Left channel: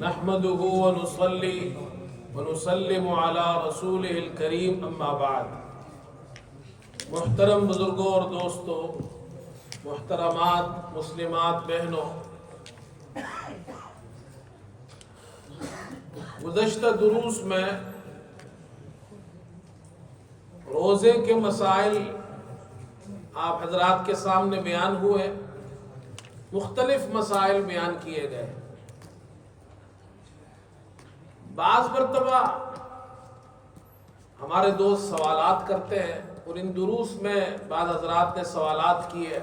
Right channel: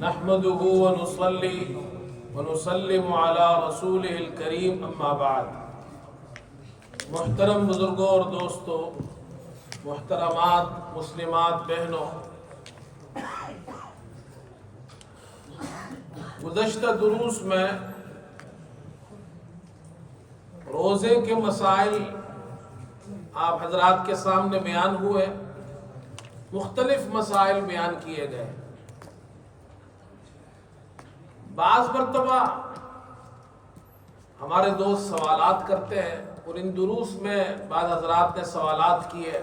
نحمده ونصلي ونسلم على رسوله الكريم اما بعد۔ محترم بزرگوں اور دوستوں، محترمات مسلمات بہنوں، گزشتہ دروس میں روزے کے مسائل آپ حضرات کے سامنے بیان ہوئے، مختلف مسائل بیان کیے گئے۔ بعض مرتبہ ہمارے دوست سوالات کرتے ہیں اور ان دروس میں بعض حضرات نے سوالات کیے،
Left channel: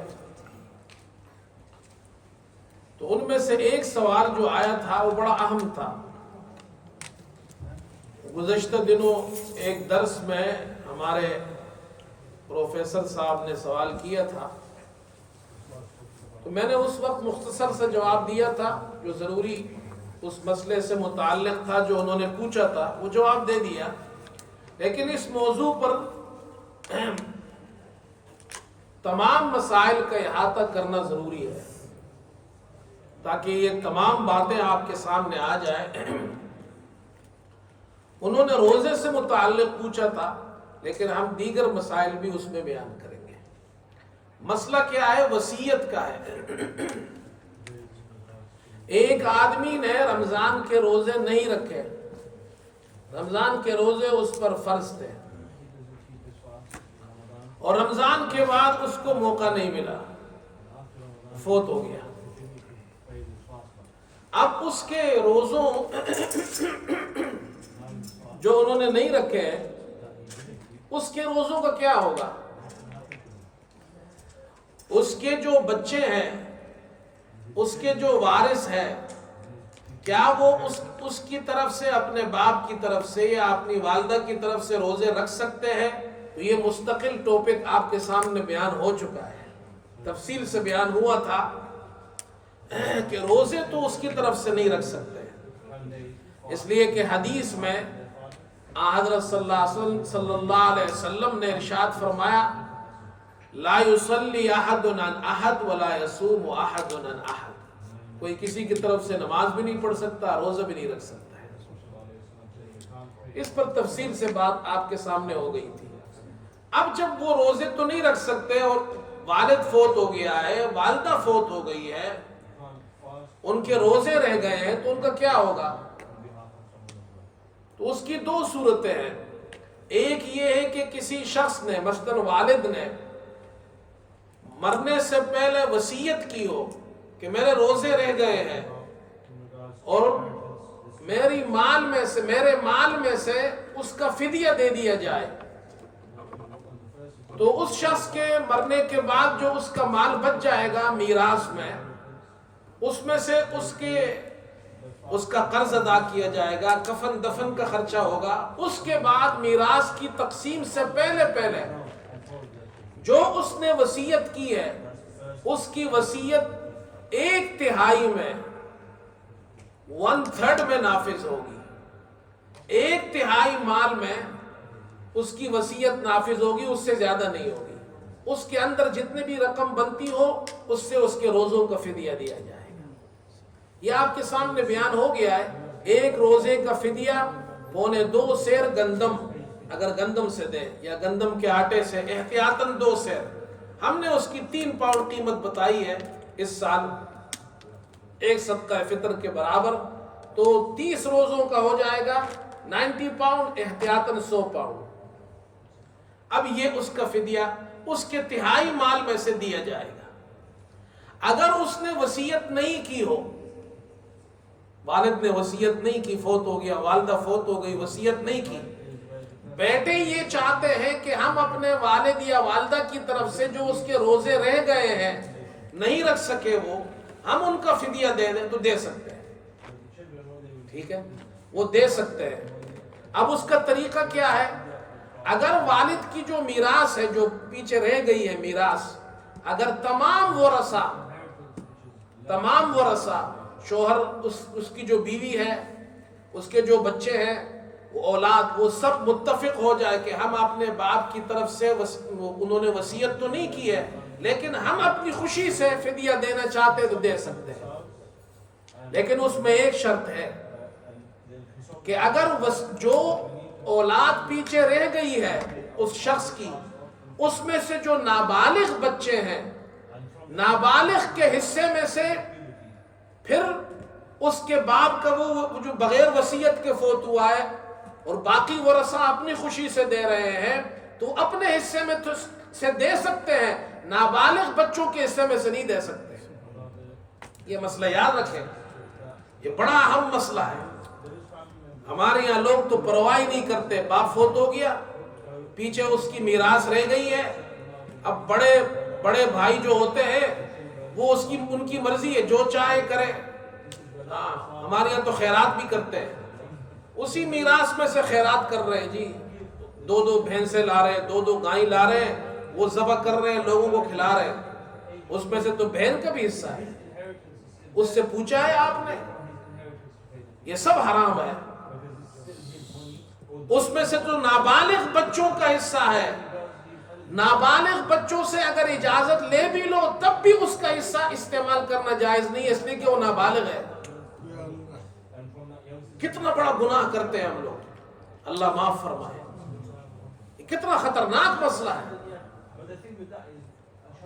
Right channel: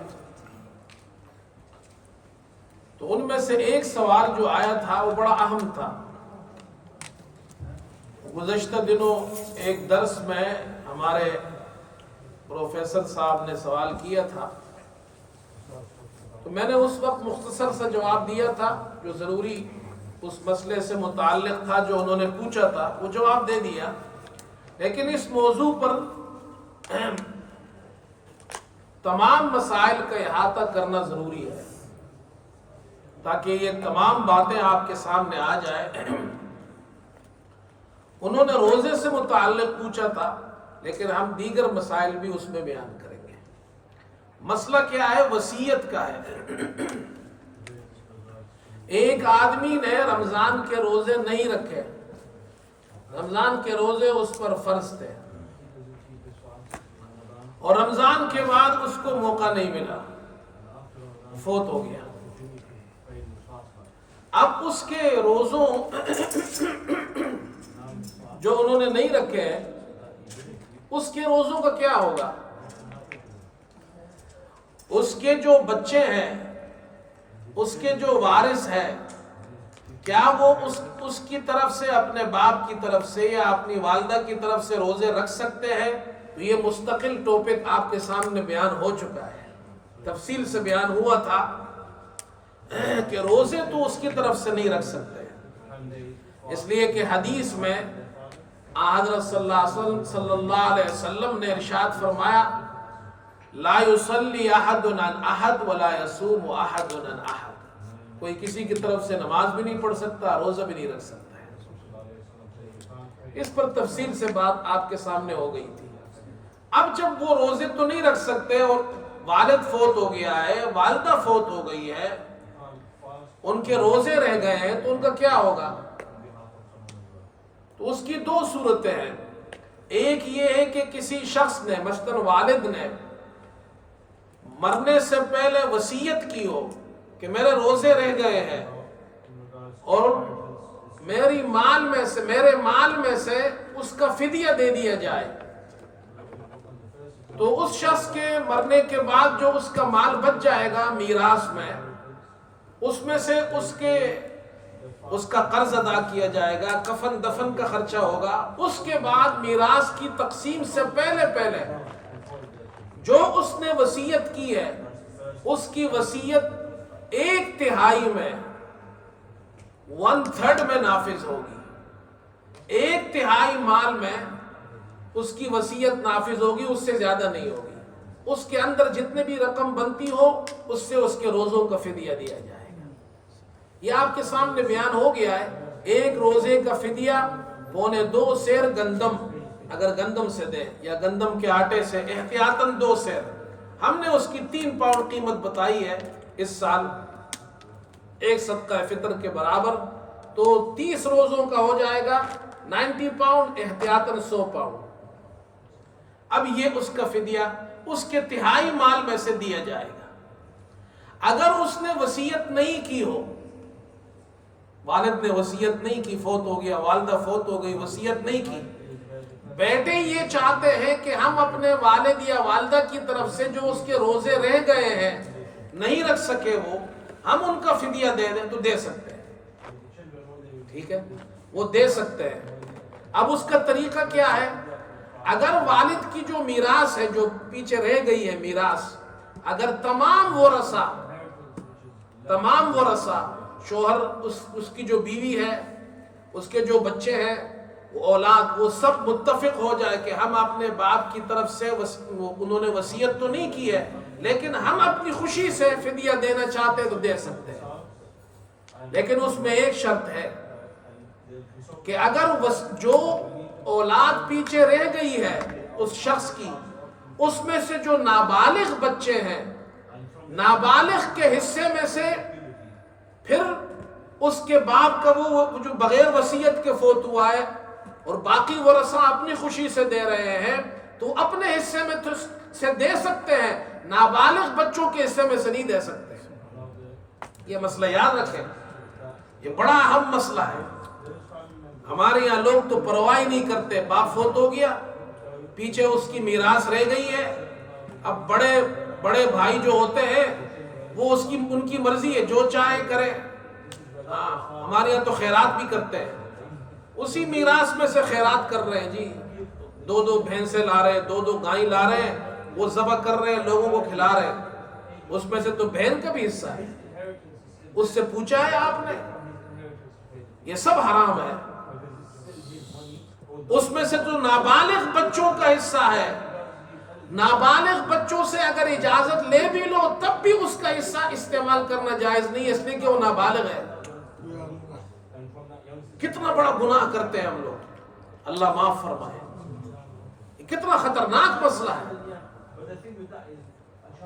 تو ان میں سے ایک سوال جو آیا تھا وہ بڑا اہم تھا۔ گزشتہ دنوں ایک درس میں ہمارے پروفیسر صاحب نے سوال کیا تھا، تو میں نے اس وقت مختصر سے جواب دیا تھا، جو ضروری اس مسئلے سے متعلق تھا جو انہوں نے پوچھا تھا وہ جواب دے دیا، لیکن اس موضوع پر تمام مسائل کا احاطہ کرنا ضروری ہے تاکہ یہ تمام باتیں آپ کے سامنے آ جائیں۔ انہوں نے روزے سے متعلق پوچھا تھا، لیکن ہم دیگر مسائل بھی اس میں بیان کریں گے۔ مسئلہ کیا ہے؟ وصیت کا ہے۔ ایک آدمی نے رمضان کے روزے نہیں رکھے، رمضان کے روزے اس پر فرض تھے، اور رمضان کے بعد اس کو موقع نہیں ملا، فوت ہو گیا۔ اب اس کے روزوں جو انہوں نے نہیں رکھے، اس کے روزوں کا کیا ہوگا؟ اس کے جو بچے ہیں، اس کے جو وارث ہے، کیا وہ اس کی طرف سے، اپنے باپ کی طرف سے یا اپنی والدہ کی طرف سے روزے رکھ سکتے ہیں؟ تو یہ مستقل ٹاپک آپ کے سامنے بیان ہو چکا ہے، تفصیل سے بیان ہوا تھا کہ روزے تو اس کی طرف سے نہیں رکھ سکتے، اس لیے کہ حدیث میں حضرت صلی اللہ علیہ وسلم نے ارشاد فرمایا، لا يصلي احد عن احد ولا يصوم احد عن احد، کوئی کسی کی طرف سے نماز بھی نہیں پڑھ سکتا، روزہ بھی نہیں رکھ سکتا ہے۔ اس پر تفصیل سے بات آپ کے سامنے ہو گئی تھی۔ اب جب وہ روزے تو نہیں رکھ سکتے اور والد فوت ہو گیا ہے، والدہ فوت ہو گئی ہے، ان کے روزے رہ گئے ہیں، تو ان کا کیا ہوگا؟ تو اس کی دو صورتیں ہیں۔ ایک یہ ہے کہ کسی شخص نے، مثلاً والد نے مرنے سے پہلے وصیت کی ہو کہ میرے روزے رہ گئے ہیں اور میرے مال میں سے اس کا فدیہ دے دیا جائے، تو اس شخص کے مرنے کے بعد جو اس کا مال بچ جائے گا میراث میں، اس میں سے اس کا قرض ادا کیا جائے گا، کفن دفن کا خرچہ ہوگا۔ اس کے بعد میراث کی تقسیم سے پہلے جو اس نے وصیت کی ہے، اس کی وصیت 1/3 میں، 1/3 میں نافذ ہوگی۔ 1/3 مال میں اس کی وصیت نافذ ہوگی، اس سے زیادہ نہیں ہوگی۔ اس کے اندر جتنے بھی رقم بنتی ہو، اس سے اس کے روزوں کا فدیہ دیا جائے گا۔ یہ آپ کے سامنے بیان ہو گیا ہے۔ ایک روزے کا فدیہ 2.25 سیر گندم، اگر گندم سے دے یا گندم کے آٹے سے، احتیاطاً 2 سیر۔ ہم نے اس کی 3 پاؤنڈ قیمت بتائی ہے اس سال، ایک صدقہ فطر کے برابر، تو 30 روزوں کا ہو جائے گا 90 پاؤنڈ، احتیاطاً 100 پاؤنڈ۔ اب یہ اس کا فدیہ اس کے 1/3 مال میں سے دیا جائے گا۔ اگر اس نے وصیت نہیں کی ہو، والد نے وصیت نہیں کی، فوت ہو گیا، والدہ فوت ہو گئی، وصیت نہیں کی، بیٹے یہ چاہتے ہیں کہ ہم اپنے والد یا والدہ کی طرف سے جو اس کے روزے رہ گئے ہیں، نہیں رکھ سکے وہ، ہم ان کا فدیہ دے دیں، تو دے سکتے ہیں، ٹھیک ہے، وہ دے سکتے ہیں۔ اب اس کا طریقہ کیا ہے؟ اگر والد کی جو میراث ہے، جو پیچھے رہ گئی ہے میراث، اگر تمام ورثہ شوہر، اس کی جو بیوی ہے، اس کے جو بچے ہیں، اولاد، وہ سب متفق ہو جائے کہ ہم اپنے باپ کی طرف سے انہوں نے وصیت تو نہیں کی ہے، لیکن ہم اپنی خوشی سے فدیہ دینا چاہتے تو دے سکتے ہیں، لیکن اس میں ایک شرط ہے کہ اگر جو اولاد پیچھے رہ گئی ہے اس شخص کی، اس میں سے جو نابالغ بچے ہیں، نابالغ کے حصے میں سے پھر اس کے باپ کا وہ جو بغیر وصیت کے فوت ہوا ہے اور باقی ورثہ اپنی خوشی سے دے رہے ہیں، تو اپنے حصے میں تو سے دے سکتے ہیں، نابالغ بچوں کے حصے میں سے نہیں دے سکتے۔ یہ مسئلہ یاد رکھیں، یہ بڑا اہم مسئلہ ہے۔ ہمارے یہاں لوگ تو پرواہ ہی نہیں کرتے، باپ فوت ہو گیا، پیچھے اس کی میراث رہ گئی ہے، اب بڑے بھائی جو ہوتے ہیں وہ ان کی مرضی ہے، جو چاہے کرے۔ ہمارے یہاں تو خیرات بھی کرتے ہیں، اسی میراث میں سے خیرات کر رہے ہیں جی، 2 بھینسیں لا رہے ہیں، 2 گائیں لا رہے ہیں، وہ ذبح کر رہے ہیں، لوگوں کو کھلا رہے ہیں، اس میں سے تو بہن کا بھی حصہ ہے، اس سے پوچھا ہے آپ نے؟ یہ سب حرام ہے۔ اس میں سے جو نابالغ بچوں کا حصہ ہے، نابالغ بچوں سے اگر اجازت لے بھی لو تب بھی اس کا حصہ استعمال کرنا جائز نہیں ہے، اس لیے کہ وہ نابالغ ہے۔ کتنا بڑا گناہ کرتے ہیں ہم لوگ، اللہ معاف فرمائے، کتنا خطرناک مسئلہ ہے۔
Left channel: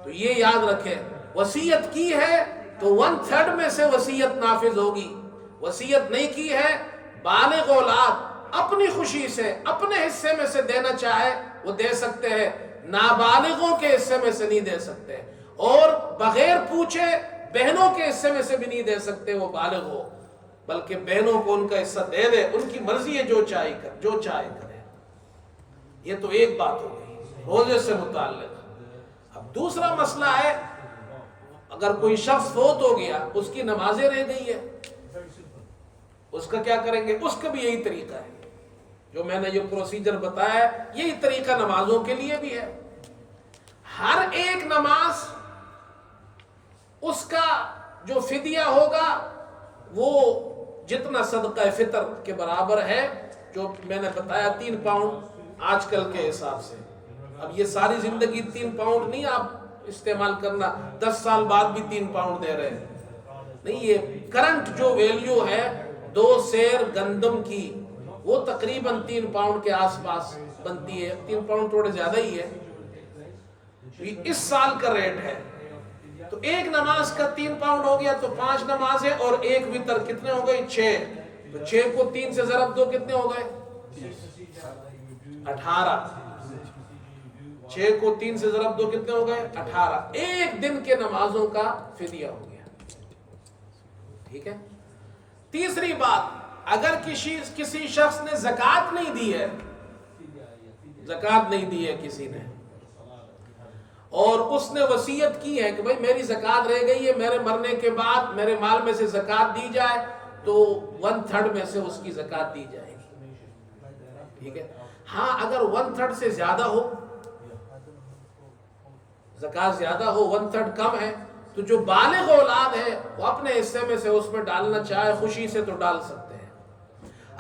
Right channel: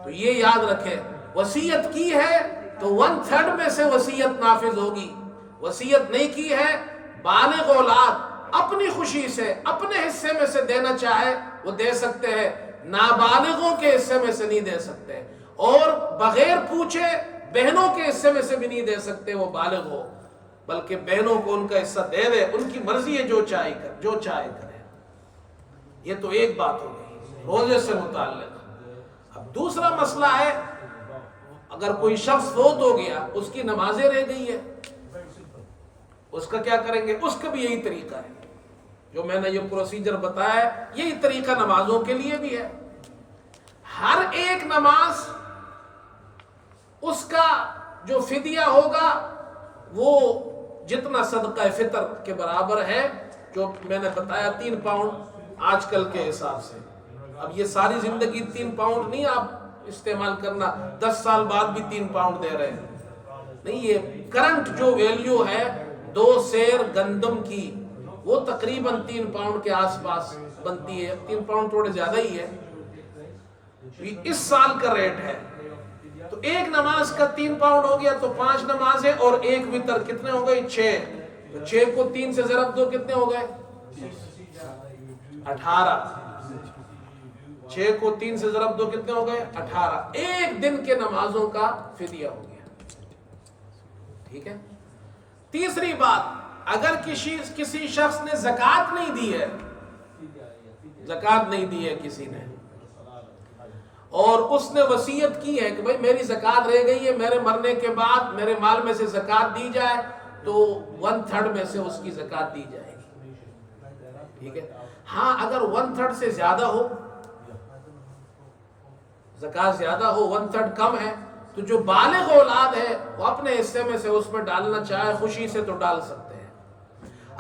تو یہ یاد رکھیں، وصیت کی ہے تو 1/3 میں سے وصیت نافذ ہوگی، وصیت نہیں کی ہے، بالغ اولاد اپنی خوشی سے اپنے حصے میں سے دینا چاہے وہ دے سکتے ہیں، نابالغوں کے حصے میں سے نہیں دے سکتے، اور بغیر پوچھے بہنوں کے حصے میں سے بھی نہیں دے سکتے وہ بالغ ہو، بلکہ بہنوں کو ان کا حصہ دے دے، ان کی مرضی ہے، جو چاہے کرے۔ یہ تو ایک بات ہو گئی روزے سے متعلق۔ اب دوسرا مسئلہ ہے، اگر کوئی شخص فوت ہو گیا، اس کی نمازیں رہ گئی ہے، اس کا کیا کریں گے؟ اس کا بھی یہی طریقہ ہے جو میں نے یہ پروسیجر بتایا ہے، یہی طریقہ نمازوں کے لیے بھی ہے۔ ہر ایک نماز اس کا جو فدیہ ہوگا وہ جتنا صدقہ فطر کے برابر ہے، جو میں نے بتایا 3 پاؤنڈ آج کل کے حساب سے۔ اب یہ ساری زندگی 3 پاؤنڈ نہیں آپ استعمال کرنا، 10 سال بعد بھی 3 پاؤنڈ دے رہے ہیں نہیں، یہ کرنٹ جو ویلیو ہے 2 سیر گندم کی، وہ تقریباً 3 پاؤنڈ کے آس پاس بنتی ہے، 3 پاؤنڈ تھوڑے زیادہ ہی ہے، اس سال کا ریٹ ہے۔ تو ایک نماز کا 3 پاؤنڈ ہو گیا تو 5 نمازیں اور 1 وتر، کتنے ہو گئے؟ 6۔ تو 6 کو 3 سے ضرب دو، کتنے ہو گئے؟ 18۔ 6 کو 3 سے ضرب دو، کتنے ہو گئے؟ 18۔ ایک دن کے نمازوں کا فدیہ ہو گیا، ٹھیک ہے۔ تیسری بات، اگر کسی شخص نے زکوٰۃ نہیں دی ہے، زکوٰۃ نہیں دی ہے کسی نے، اور اس نے وصیت کی ہے کہ بھائی میری زکوٰۃ رہ گئی ہے، میرے مرنے کے بعد میرے مال میں سے زکوٰۃ دی جائے، تو 1/3 میں سے اس کی زکوٰۃ دی جائے گی، ٹھیک ہے۔ ہاں اگر 1/3 سے زیادہ ہو، زکوٰۃ زیادہ ہو، 1/3 کم ہے، تو جو بالغ اولاد ہے وہ اپنے حصے میں سے اس میں ڈالنا چاہے خوشی سے تو ڈال سکتے ہیں۔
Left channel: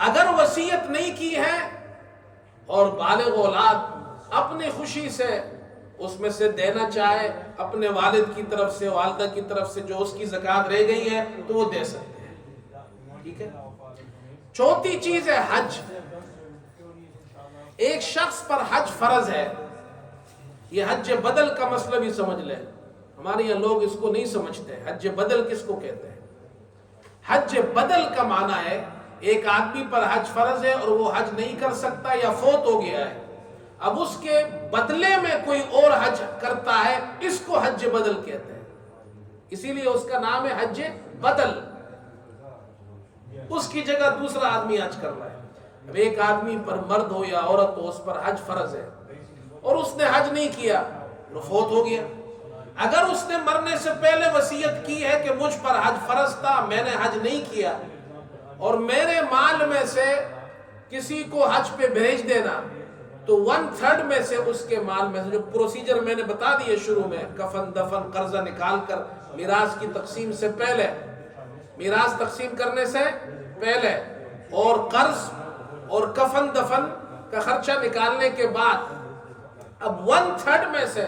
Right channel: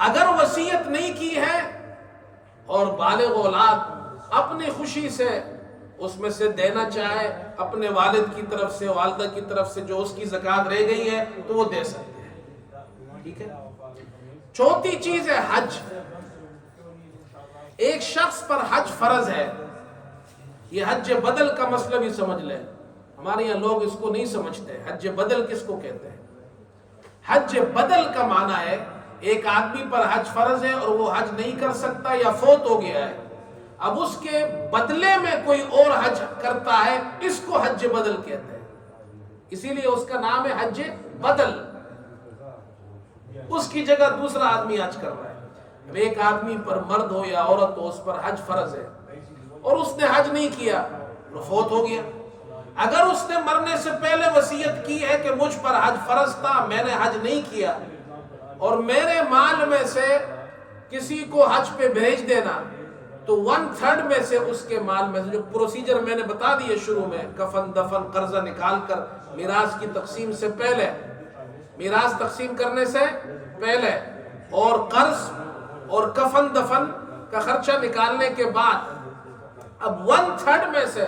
اگر وصیت نہیں کی ہے اور بالغ اولاد اپنی خوشی سے اس میں سے دینا چاہے، اپنے والد کی طرف سے، والدہ کی طرف سے جو اس کی زکوٰۃ رہ گئی ہے تو وہ دے سکتے ہیں، ٹھیک ہے۔ چوتھی چیز ہے حج۔ ایک شخص پر حج فرض ہے، یہ حج بدل کا مسئلہ بھی سمجھ لیں، ہمارے یہاں لوگ اس کو نہیں سمجھتے۔ حج بدل کس کو کہتے ہیں؟ حج بدل کا معنی ہے ایک آدمی پر حج فرض ہے اور وہ حج نہیں کر سکتا یا فوت ہو گیا ہے، اب اس کے بدلے میں کوئی اور حج کرتا ہے، اس کو حج بدل کہتے ہیں، اسی لیے اس کا نام ہے حج بدل۔ اس کی جگہ دوسرا آدمی حج کر رہا ہے۔ اب ایک آدمی پر، مرد ہو یا عورت ہو، اس پر حج فرض ہے اور اس نے حج نہیں کیا، وہ فوت ہو گیا۔ اگر اس نے مرنے سے پہلے وصیت کی ہے کہ مجھ پر حج فرض تھا، میں نے حج نہیں کیا، اور میرے مال میں سے کسی کو حج پہ بھیج دینا، تو 1/3 میں سے اس کے مال میں سے، جو پروسیجر میں نے بتا دی ہے شروع میں، کفن دفن قرضہ نکال کر میراث کی تقسیم سے پہلے، میراث تقسیم کرنے سے پہلے، اور قرض اور کفن دفن کا خرچہ نکالنے کے بعد، اب 1/3 میں سے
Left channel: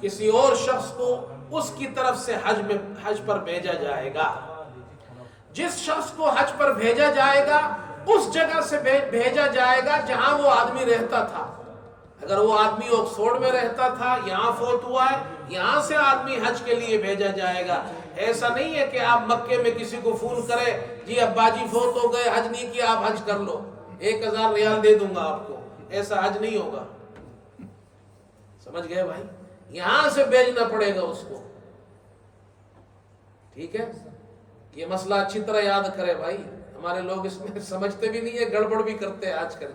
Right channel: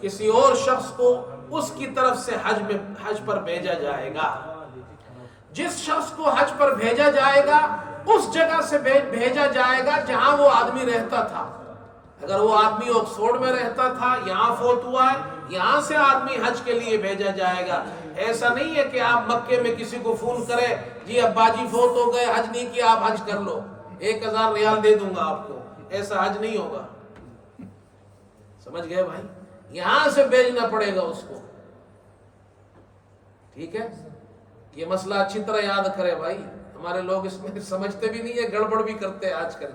کسی اور شخص کو اس کی طرف سے حج پر بھیجا جائے گا۔ جس شخص کو حج پر بھیجا جائے گا اس جگہ سے بھیجا جائے گا جہاں وہ آدمی رہتا تھا. اگر وہ آدمی آکسفورڈ میں رہتا تھا، یہاں فوت ہوا ہے، یہاں سے آدمی حج کے لیے بھیجا جائے گا. ایسا نہیں ہے کہ آپ مکے میں کسی کو فون کرے، جی ابا جی فوت ہو گئے، حج نہیں کیا، آپ حج کر لو، 1000 ریال دے دوں گا آپ کو. ایسا حج نہیں ہوگا. سمجھ گئے بھائی؟ یہاں سے بھیجنا پڑے گا اس کو. ٹھیک ہے، یہ مسئلہ اچھی طرح یاد کرے بھائی. ہمارے لوگ اس میں سمجھتے بھی نہیں ہے، گڑبڑ بھی کرتے ہیں آج کل.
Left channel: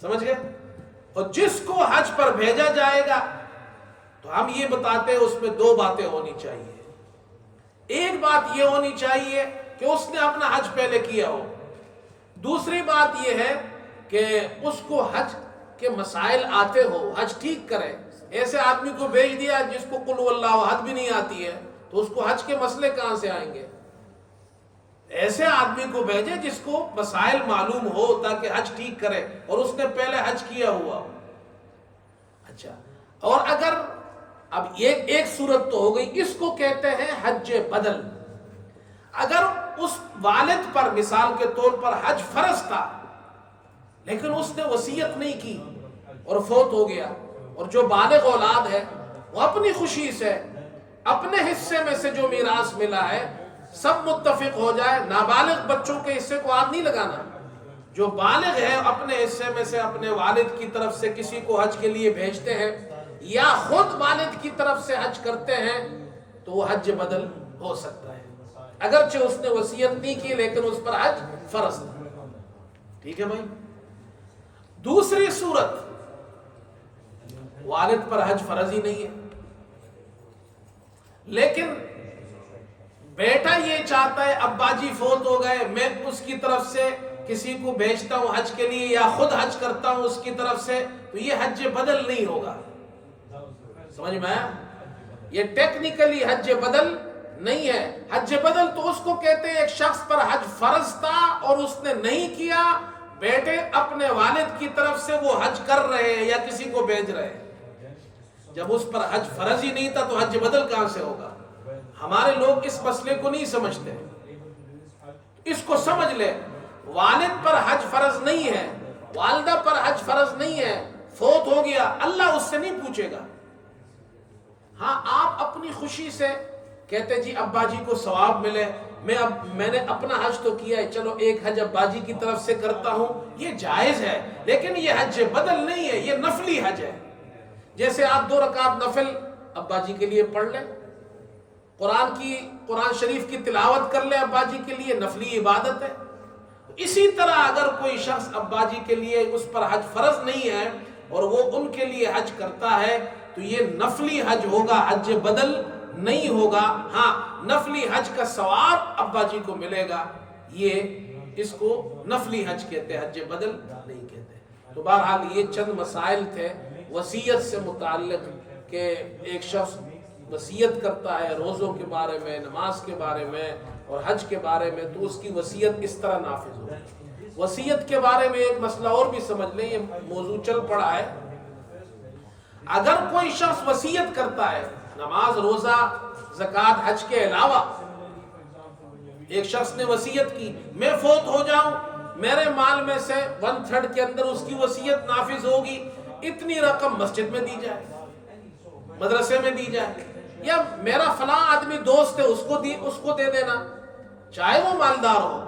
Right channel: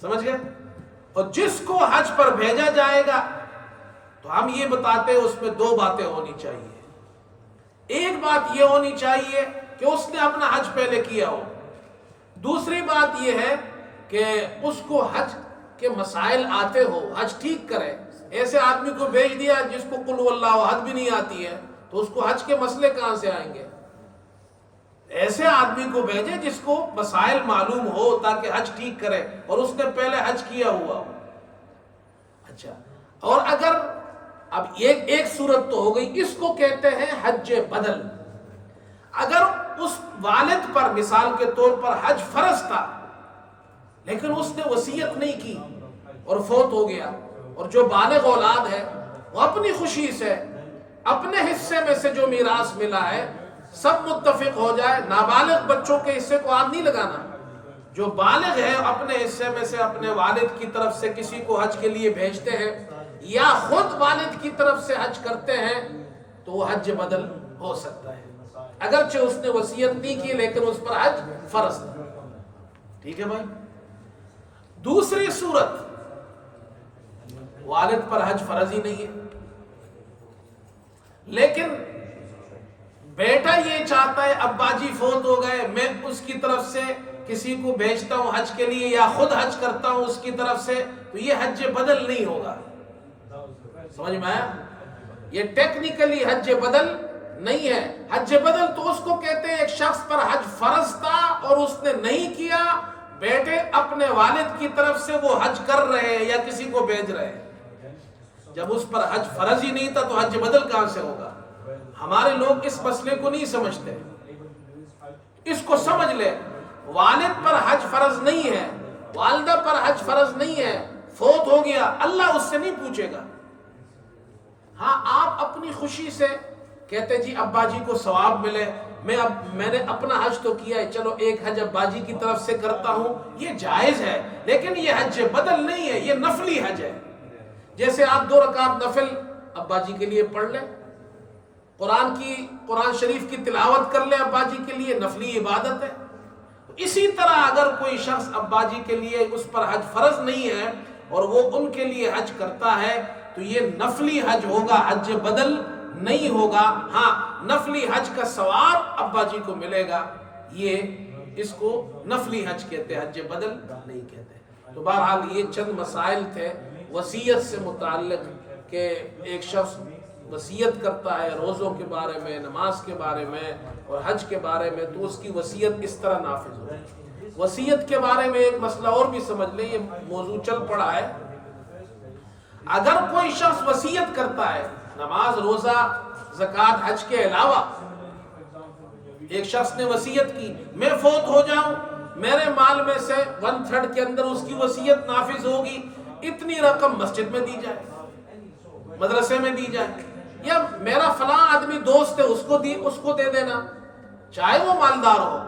سمجھ گئے؟ اور جس کو حج پر بھیجا جائے گا تو ہم یہ بتاتے ہیں اس میں 2 باتیں ہونی چاہیے. ایک بات یہ ہونی چاہیے کہ اس نے اپنا حج پہلے کیا ہو. دوسری بات یہ ہے کہ اس کو حج کے مسائل آتے ہو، حج ٹھیک کرے. ایسے آدمی کو بھیج دیا جس کو قل هو اللہ احد بھی نہیں آتی ہے، تو اس کو حج کے مسئلے کہاں سے آئیں گے؟ ایسے آدمی کو بھیجے جس کو مسائل معلوم ہو تاکہ حج ٹھیک کرے اور اس نے پہلے حج کیا ہوا ہو. اچھا، اور اگر اب ایک صورت تو ہو گئی، اس کو کہتے ہیں حج بدل. اگر اس والد پر مثال کے طور پر حج فرض تھا لیکن اس نے وصیت نہیں کی اور فوت ہو گیا، اور جو بالغ اولاد ہے وہ اپنی خوشی سے اپنے حصے میں سے جو میراث ملا ہے سب متفق ہو جائے، نابالغ بچوں کے حصے کو ہاتھ نہیں لگانا. جو بالغ ہے اپنے حصے میں سے اپنے والد کی طرف سے کسی کو حج کے لیے بھیجتے ہیں یا خود والد کی طرف سے حج کرتے ہیں تو وہ حج بدل ہو سکتا ہے، اگرچہ اس نے وصیت نہیں کی لیکن اس پر حج فرض تھا. ٹھیک ہے بھائی؟ دوسری صورت، والد پر حج فرض ہی نہیں ہے لیکن بیٹا یہ چاہتا ہے ابا جی فوت ہو گئے، میں اس کی طرف سے کسی کو بھیجتا ہوں حج کے لیے یا خود حج کرتا ہوں اس کی طرف سے، تو یہ حج بدل نہیں ہوگا. سمجھ میں آیا؟ یہ ٹیکنیکلی حج بدل نہیں ہے. حج بدل تو اس کو کہتے ہیں ایک شخص پر حج فرض تھا اور اس نے نہیں کیا، بیٹے اپنے والد کی طرف سے وہ حج کر رہے ہیں یا کسی کو بھیج رہے ہیں. جب اس پر حج فرض ہی نہیں تھا تو حج بدل کہاں سے ہوگا؟ ہمارے لوگ اس مسئلے کو نہیں سمجھتے. اس کو سمجھ لے، والد پر حج فرض نہیں ہے، والدہ پر حج فرض نہیں ہے، فوت ہو گیا، اللہ اس سے نہیں پوچھے گا. ہاں آپ اپنی خوشی سے کہتے جی ابا جی کو ثواب ملے، میں نے اپنا حج تو کیا ہے، چلو ایک حج ابا جی کی طرف سے کرتا ہوں، یہ جائز ہے، لیکن یہ حج بدل نہیں ہے، یہ نفلی حج ہے. جیسے آپ 2 رکعت نفل ابا جی کے لیے پڑھ لیں، قرآن شریف کی تلاوت کر لیں ابا جی کے لیے، نفلی عبادت ہے. اسی طرح اگر کوئی شخص ابا جی کے لیے اس پر حج فرض نہیں ہے اور وہ ان کے لیے حج کرتا ہے تو یہ نفلی حج ہوگا، حج بدل نہیں ہوگا. ہاں نفلی حج کا ثواب ابا جی کو ملے گا، یہ اس کو نفلی حج کہتے ہیں، حج بدل نہیں کہتے. تو بہرحال یہ چند مسائل تھے وصیت سے متعلق کہ ایک شخص وصیت کرتا ہے روزوں کے بارے میں، نماز کے بارے میں اور حج کے بارے میں، تو اس کی وصیت اس طرح نافذ ہوگی. وصیت کے بارے میں ایک مسئلہ اور بھی سمجھ لیں، یہ موضوع چل پڑا ہے. اگر کوئی شخص وصیت کرتا ہے نماز، روزہ، زکوٰۃ، حج کے علاوہ، ایک شخص نے وصیت کی میں فوت ہو جاؤں، میرے مال میں سے 1/3 کے اندر اس کی وصیت نافذ ہوگی، اتنی رقم مسجد میں دی جائے، مدرسے میں دی جائے، یا میرا فلاں آدمی دوست ہے اس کو دے دینا، چاہے وہ مالدار ہو.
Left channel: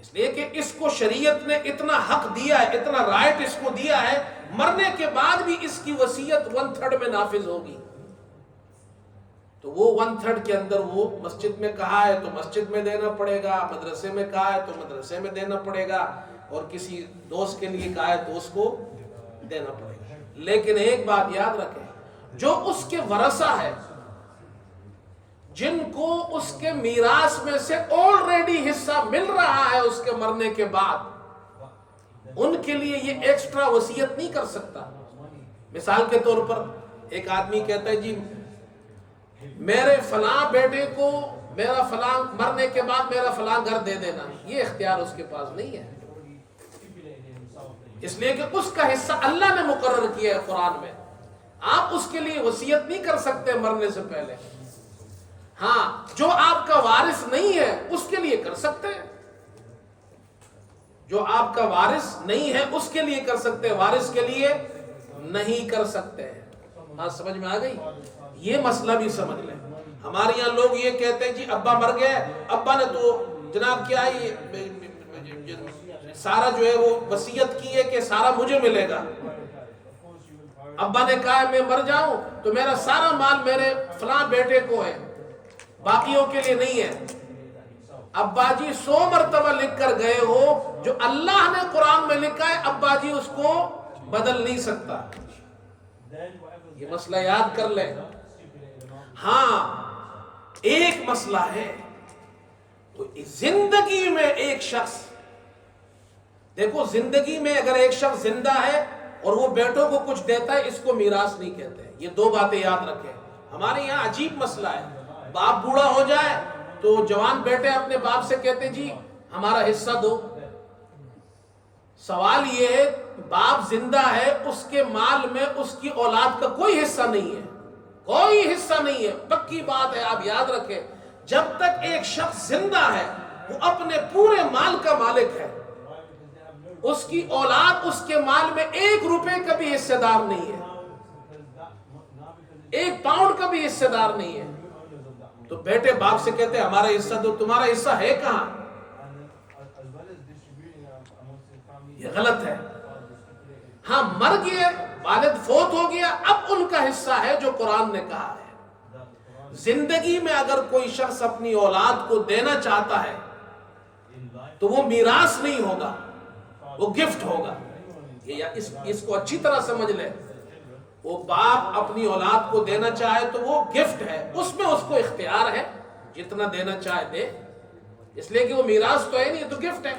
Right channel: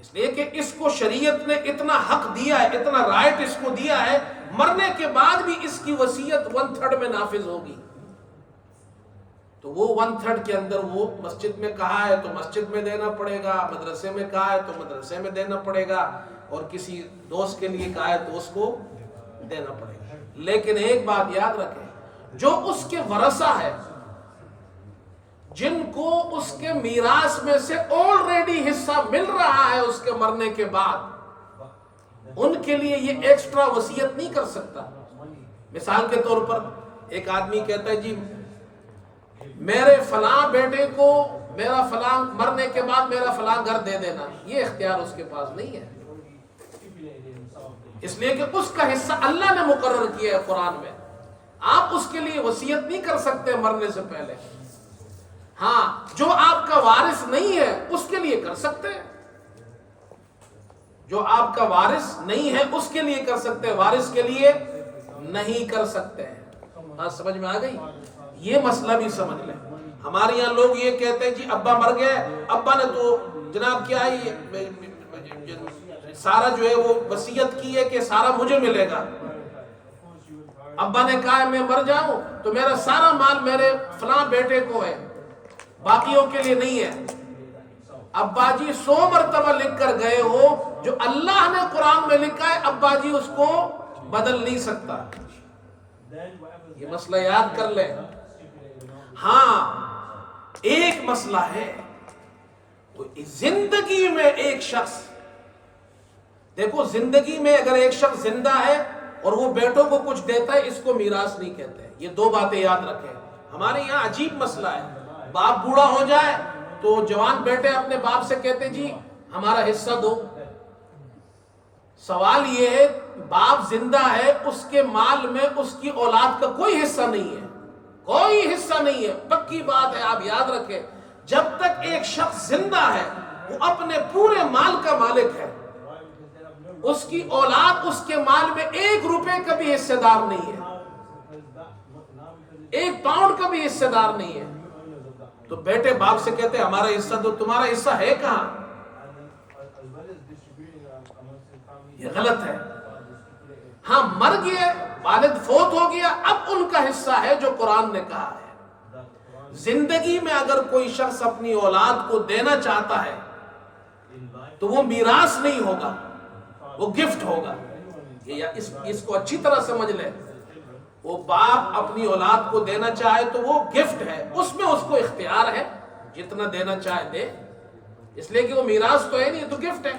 اس لیے کہ اس کو شریعت نے اتنا حق دیا ہے، اتنا رائٹ اس کو دیا ہے، مرنے کے بعد بھی اس کی وصیت 1/3 میں نافذ ہوگی. تو وہ 1/3 کے اندر وہ مسجد میں کہا ہے تو مسجد میں دینا پڑے گا، مدرسے میں کہا ہے تو مدرسے میں دینا پڑے گا، اور کسی دوست کے لیے کہا ہے تو اس کو دینا پڑے گا. لیکن ایک بات یاد رکھیں، جو اس کے ورثہ ہے، جن کو اس کے میراث میں سے آلریڈی حصہ مل رہا ہے اس کے مرنے کے بعد، ان کے لیے یہ ایکسٹرا وصیت نہیں کر سکتا. مثال کے طور پر ایک آدمی کہتا ہے جی میرے فلاں بیٹے کو میرا فلاں مرنے کے بعد میرا فلاں گھر دے دینا، یہ اختیار اس کے پاس نہیں ہے، اس لیے کہ اس کا حصہ اللہ نے مقرر کیا ہے قرآن میں. آپ اس کے لیے وصیت نہیں کر سکتے مرنے سے پہلے. ہاں جو آپ کا وارث نہیں ہے اس کے لیے کر سکتے ہیں، جو آپ کا وارث نہیں ہے اس کے لیے کر سکتے ہیں، وارث کے لیے نہیں کر سکتے ہیں۔ ہاں سمجھ میں آ گئی؟ یہ مسئلہ بھی سمجھ لیں۔ ہمارے یہاں لوگ یہ کہتے ہیں جی ابا مر گئے، ابا نے تو جناب کیا ہے سارا جو ہے وہ وصیت کی ہے کہ سارا مجھے ملے گا، ابا نے کہا ہے میں مر جاؤں تو میرا سارا مال میرے فلاں بیٹے کو ہے، باقیوں کے لیے نہیں ہے۔ ابا جی 100 مرتبہ لکھ کر گئے ہو، جو اللہ نے قرآن میں لکھا ہے ابا جی اس کو بدل نہیں سکتا۔ یہ مسئلہ یاد کر لیں۔ ہاں ایک مسئلہ ہے، زندگی میں ایک شخص، دیکھو زندگی میں اگر ایک شخص زندہ ہے اور وہ بیٹوں کو کچھ دیتا ہے اس کو میراث نہیں کہتے۔ یہ دو باتیں یاد رکھیں۔ ہمارے یہاں عجیب مسئلہ ہے، باپ بوڑھا ہو جائے تو جوان بیٹے اپنے باپ سے کہتے جی ہمارا حصہ دو۔ سوال یہ ہے باپ زندہ ہے، اس کے مال میں اس کی اولاد کا کوئی حصہ نہیں ہے، کوئی حصہ نہیں ہے۔ پکی بات ہے، آپ یاد رکھیں، جب تک ایک شخص زندہ ہے وہ اپنے پورے مال کا مالک ہے، اس کی اولاد اس کے مال میں 1 روپے کا بھی حصہ دار نہیں ہے، 1 پاؤنڈ کا بھی حصہ دار نہیں ہے۔ تو بیٹے باپ سے کہتے ہیں ہمارا حصہ دو، تمہارا حصہ ہے کہاں؟ یہ غلط ہے۔ ہاں مر گئے، والد فوت ہو گیا، اب ان کا حصہ ہے جو قرآن نے کہا ہے۔ زندگی میں اگر کوئی شخص اپنی اولاد کو دینا چاہتا ہے تو وہ میراث نہیں ہوگا، وہ گفٹ ہوگا۔ اس کو اچھی طرح سمجھ لیں، وہ باپ اپنی اولاد کو دینا چاہے تو وہ گفٹ ہے، اس میں اس کو اختیار ہے، جتنا دینا چاہے دے، اس لیے کہ وہ میراث تو ہے نہیں، تو گفٹ ہے۔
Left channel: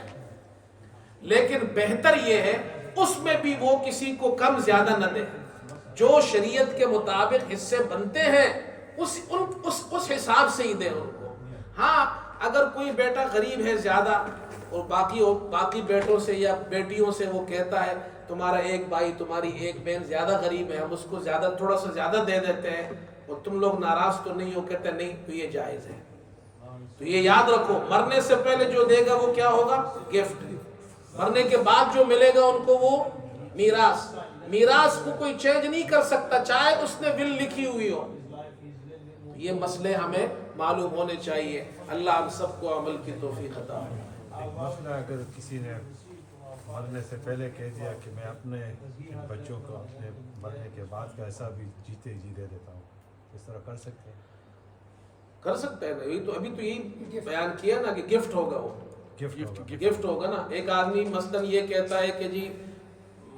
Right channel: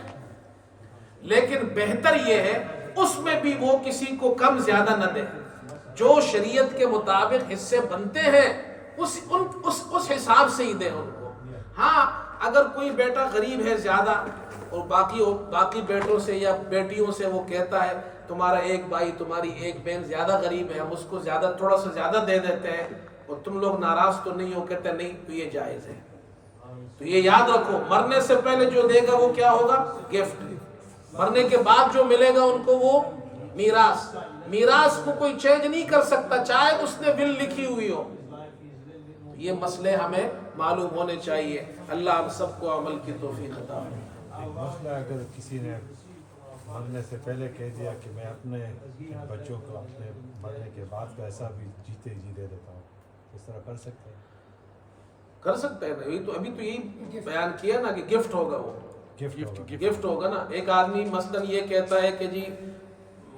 لیکن بہتر یہ ہے اس میں بھی وہ کسی کو کم زیادہ نہ دے، جو شریعت کے مطابق حصے بنتے ہیں اس حساب سے ہی دے ان کو۔ ہاں اگر کوئی بیٹا غریب ہے زیادہ اور باقی بیٹوں سے یا بیٹیوں سے وہ کہتا ہے تمہارا ایک بھائی تمہاری ایک بہن زیادہ غریب ہے، ہم اس کو تھوڑا سا زیادہ دے دیتے ہیں اور تم لوگ ناراض تو نہیں ہو، کہتے نہیں تو یہ جائز ہے۔ تو یہ یاد رکھو، مرنے سے پہلے جو دے گا وہ کیا ہوگا؟ گفٹ۔ مرنے کے بعد جو ملے گا ان کو وہ میراث۔ میراث کو کوئی چینج نہیں کر سکتا، چاہے اس نے ول لکھی ہوئی ہو۔ یہ مسئلے ہمیں معلوم ہونے چاہیے۔ اللہ ہم سب کو عمل کی توفیق عطا فرمائے۔ مسئلہ اگر کسی نے مرنے سے پہلے کہہ دیا کہ میں اپنے بچوں کو اپنے مرنے کے بعد کا ایسا بھی جیتے جی دے دیتا ہوں، اس طرح کر سکتے ہیں؟ کر سکتے ہیں، ابھی تو یہی بیان کیا نا کہ گفٹ ہوگا، وہ گفٹ ہوگا نا۔ ایک آدمی مثلاً یہ کہتا ہے کہ جی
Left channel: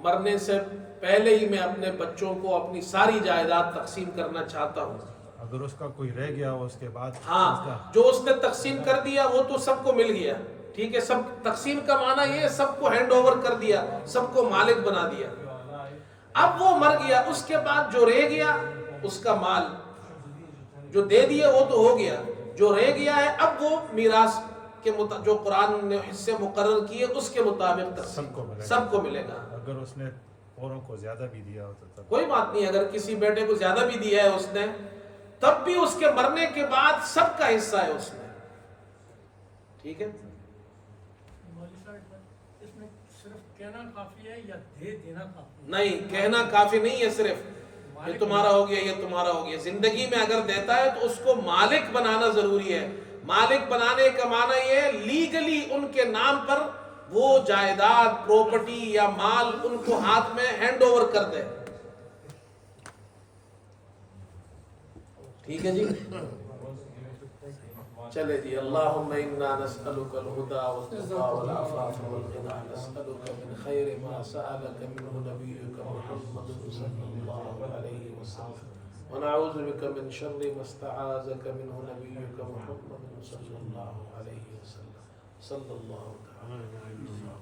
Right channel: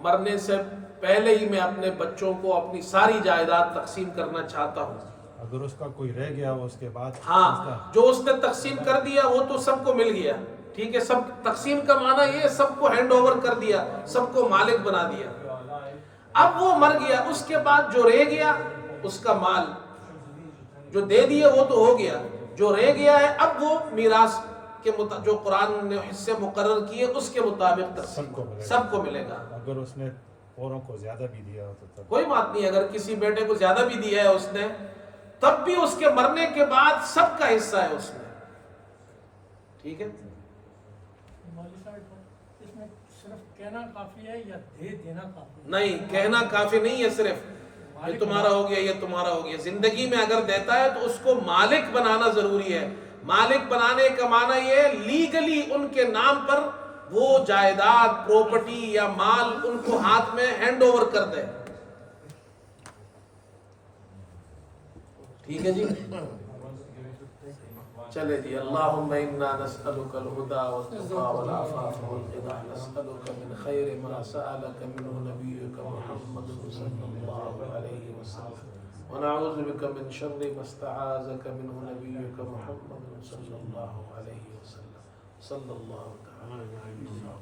مرنے سے پہلے ہی میں اپنے بچوں کو اپنی ساری جائیداد تقسیم کرنا چاہتا ہوں، اگر اس کا کوئی رہ گیا اس کے بعد، ہاں جو اس نے تقسیم کر دیا وہ تو سب کو مل گیا، ٹھیک ہے، سب تقسیم کا معنی یہ سب کو ہینڈ اوور کر دیا، سب کو مالک بنا دیا۔ اب وہ مر گیا، اس کے بعد جو رہ گیا اس کا مال جو دے دیا وہ تو ہو گیا، جو رہ گیا ہے اب وہ میراث کے جو قرآن نے حصے مقرر کیے اس کے مطابق سب کو ملے گا۔ اگر اس نے اوروں کو زیادہ بھی دیا ہو تو کوئی بات نہیں، اگر کسی بیٹے کو زیادہ بھی دیا ہے اس نے تب بھی اس کے مرنے کے بعد سب کا حصہ ہے اس میں، ٹھیک ہے۔ اس میں صرف کہنا کافی ہے یا دے دینا کافی؟ نہیں، کہنا کافی نہیں ہے، صرف یہ تمہارا ہو گیا یہ تمہارا ہو گیا۔ زندگی میں اگر دیتا ہے تو اس کو مالک بنانا ضروری ہے۔ مالک بنانے کا معنی یہ ہے لیگلی ان کے نام پر وہ جائیداد، پراپرٹی یا مال ان کو ہاتھ میں ہینڈ اوور کر دے، ٹھیک ہے جی۔ چلے جی، اللہم انا نسألک الہدی والتقی والعفاف والغنی، نسألک من خیر ما سألک منہ نبیک محمد صلی اللہ علیہ وسلم، ونعوذ بک من شر ما استعاذک منہ نبیک محمد صلی اللہ علیہ وسلم، صلی اللہ تعالی علیہ وسلم۔